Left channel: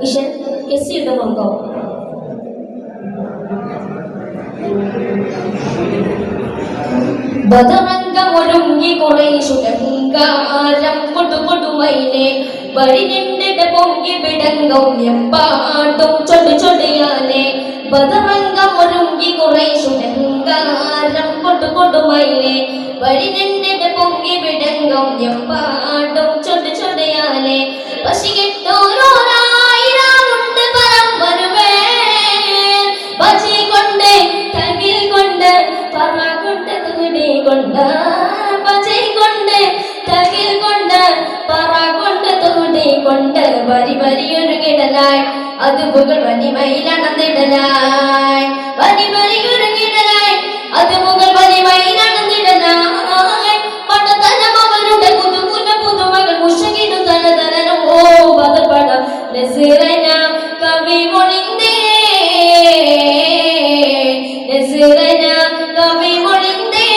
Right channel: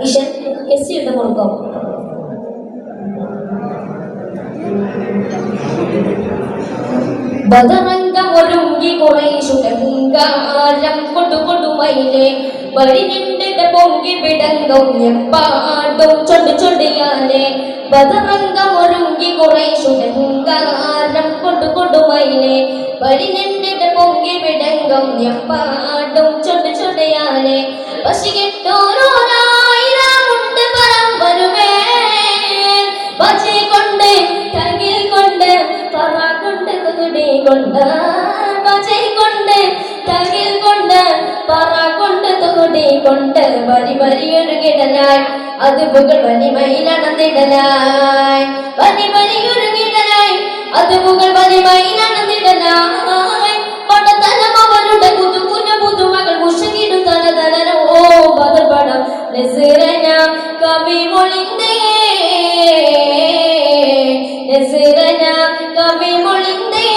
ഈശൻ എസ്സിയുടെ മുറുക്കം ബദറംഗമൊരുങ്ങി കുറേശുടങ്കാരം കൊടുകൊടുമയിലെ വഴിനിന്റെ പൊങ്കി വിടങ്ങും എപ്പാടും ചൊടി ചൊടിയാലെ ബദറംഗമൊരുങ്ങി കുറേശുടങ്കാരം കൊടുകൊടുമയിലെ വഴിനിന്റെ പൊങ്കി വിടങ്ങും എപ്പാടും ചൊടി ചൊടിയാലെ പശികിട്ടോരോരായിരമുണ്ട് പരം വരുമേ പച്ചി കൊണ്ട് തകിൽ കൊണ്ട് പറ കൊണ്ട് തുടി കൊണ്ട് പച്ചി കൊണ്ട് തകിൽ കൊണ്ട് പറ കൊണ്ട് തുടി കൊണ്ട് വരി വരിയൊരുകിടലായി അത് പുകൾ വലിമയിലണന്നിടലായി വരി വരിയൊരുകിടലായി അത് പുകൾ വലിമയിലണന്നിടലായി പടതലം അവരുടെ പുതുമുല പുതുമകൾ മുഷകിടു തലതലനോ ഓ പദപട നസിറന കവി മൊഴിന്തേ നസിറന കവി മൊഴിന്തേ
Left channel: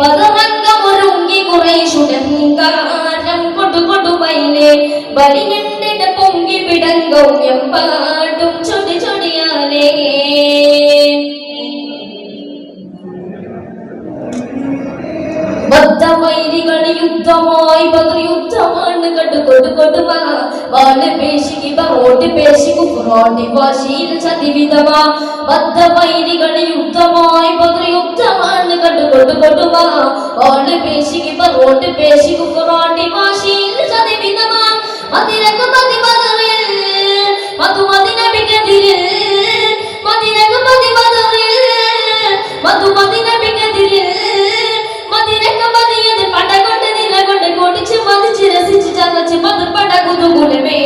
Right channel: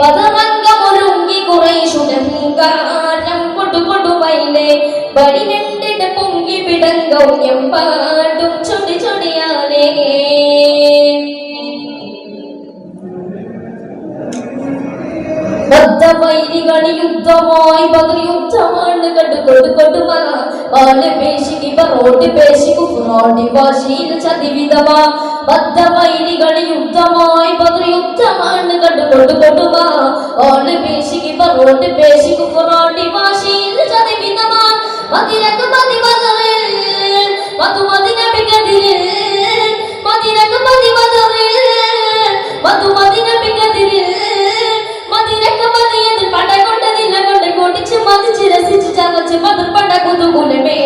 പദമംഗമൊരുങ്ങി കുറേശുടങ്കാരം കൊടുകൊടുമയിലെ വഴിഞ്ഞിട്ടിട പൊങ്കി പിടങ്ങും എമ്പാടും ചൊടി ചൊടിയാലേ ബദ്ധവൈരികളി യുദ്ധമായി ബദർയുദ്ധമാണ് കടുകൊടുകൊടുമ വാല് പേശിക്ക് ബറോട്ടി പേശി കുഫ്രോട്ടി വാശിയിൽ ചതിവിധമാ ബദ്ധവൈരികളി യുദ്ധമായി ബദർയുദ്ധമാണ് കടുകൊടുകൊടുമ വാല് പേശിക്ക് ബറോട്ടി പേശി കുഫ്രോട്ടി വാശിയിൽ ചതിവിധമാ മദിനക്ക് മതി ബദറിൽ മധുമതി നബിക്കെതിരിൽ മദിനക്ക് മതി ബദറിൽ മധുമതി നബിക്കെതിരിൽ മദിനക്ക് മതിയത് പടകൊണ്ട് നിലകൊണ്ട് കൊടിച്ച് മതിച്ച് രസിച്ച് ചതച്ച് മധുപട കുതുകുലമേ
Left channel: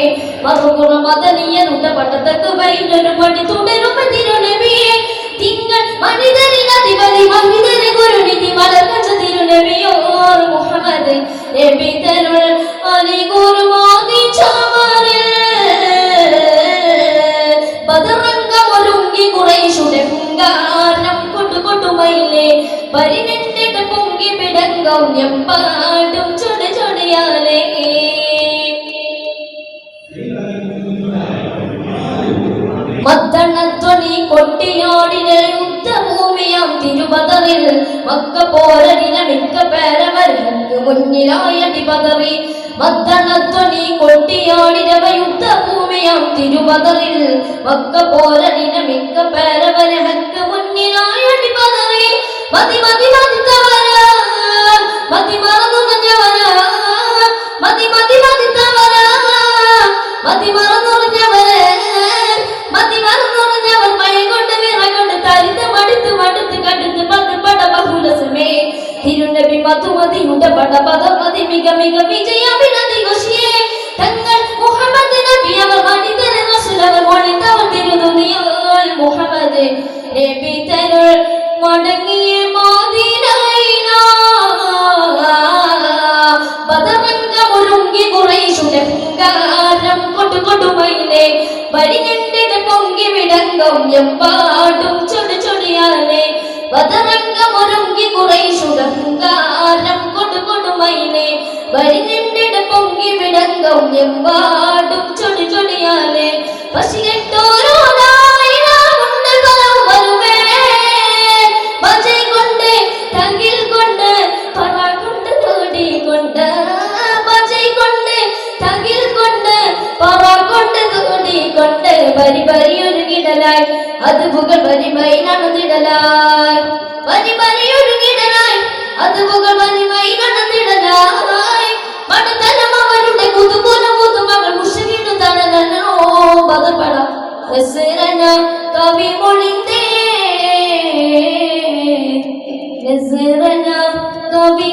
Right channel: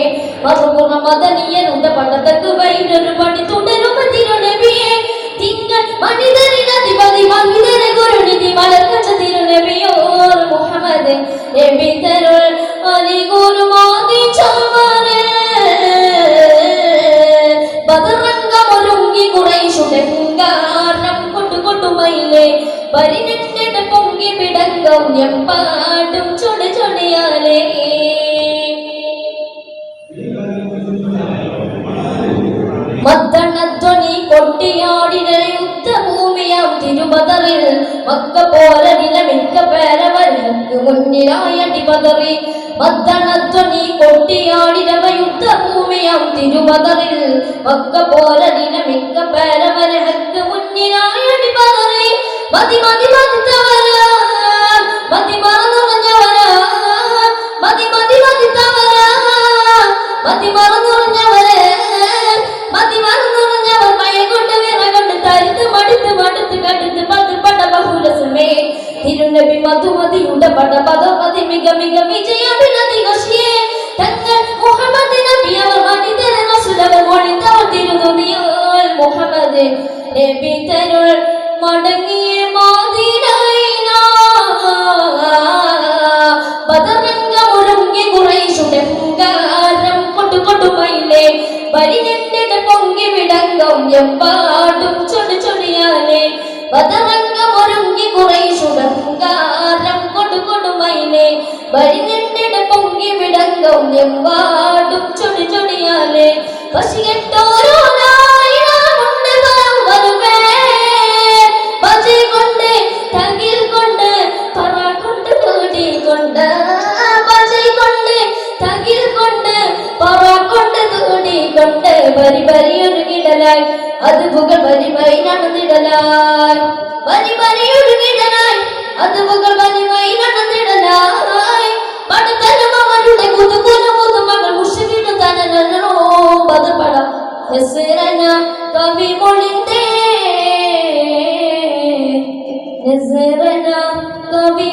മറുകുറ മദനീയരുടെ പടത്തക്ക് വൈരൊരു പടി തുടരും തിരുനബിയെ തിങ്കൾ മണിതരിൽ അധിപതി മഹിതരെ ഗുരുനിധി മലർക്കച്ച തിരുനബിയോർ മുഹമ്മദ് നബി തരുൾ അലി ഗുരുമാതി ചമരെ ബദറംഗമൊരുങ്ങി കുറേശുടങ്കാരം കൊടുകൊടുമയിലെ പരിനിന്നിട്ട് പൊങ്കി പിടങ്ങും എമ്പാടും ചൊടി ചൊടിയാലേ മദ്ദണധ്വനി കൊട്ടിയാടിന യുദ്ധഭൂമിയാം തിരുബദറിൽ മക്ക പോരനില മിക്ക പേരവർക്ക് മുന്നിലായടി ബദറി മദ്ദണധ്വനി കൊട്ടിയാടിന യുദ്ധഭൂമിയാം തിരുബദറിൽ മക്ക പോരനില മിക്ക പേരവർക്ക് മുന്നിലായടി ബദറി മതി മതി മതിത്തവര മതി മറന്നുറഞ്ഞവര മതി മതി മതിത്തവര മതി മറന്നുറഞ്ഞവരെ മതി മറന്നുറഞ്ഞവർ പയകൊണ്ട് വിറകൊണ്ട് തരിത്ത് മടുത്ത് മടുത്ത് കടുത്ത് പട ബഹുലസമേ തിരുനബി മധുമതിയുടെ പട ഭഗവതി മിക മിക വിജയമിനതി വശിയേ തങ്ങൾ മുഹമ്മദ് നബി അവർ മണിതര റസൂലവർ മൊഴിന്തവർ തിരുതുനിയോൽ മുഹമ്മദ് നബി തരുൾ മടങ്ങിയ മദീനയില ബദറംഗമൊരുങ്ങി കുറേശുടങ്കാരം കൊടുകൊടുമയിലെ വഴിഞ്ഞിട്ടിട പൊങ്കി വിടങ്ങും എമ്പാടും ചൊടി ചൊടിയാലേ ബദറംഗമൊരുങ്ങി കുറേശുടങ്കാരം കൊടുകൊടുമയിലെ വഴിഞ്ഞിട്ടിട പൊങ്കി വിടങ്ങും എമ്പാടും ചൊടി ചൊടിയാലേ പശിയെട്ടോരോരായിരമുണ്ട് പരം വരുമേ പച്ചി കൊണ്ട് തകിൽ കൊണ്ട് പറ കൊണ്ട് തുടി കൊണ്ട് പച്ചി കൊണ്ട് തകിൽ കൊണ്ട് പറ കൊണ്ട് തുടി കൊണ്ട് വരി വരിയൊരുകിടലായി അത് പുകൾ വലിമൈ നടന്നിടലായി വരി വരിയൊരുകിടലായി അത് പുകൾ വലിമൈ നടന്നിടലായി പടത്തലം അവരുടെ കുതുകുല പുതുമകൾ മുഷകിടു തണലോ ബദപട നസിറന കവി മൊഴിന്തേ നസിറന കവി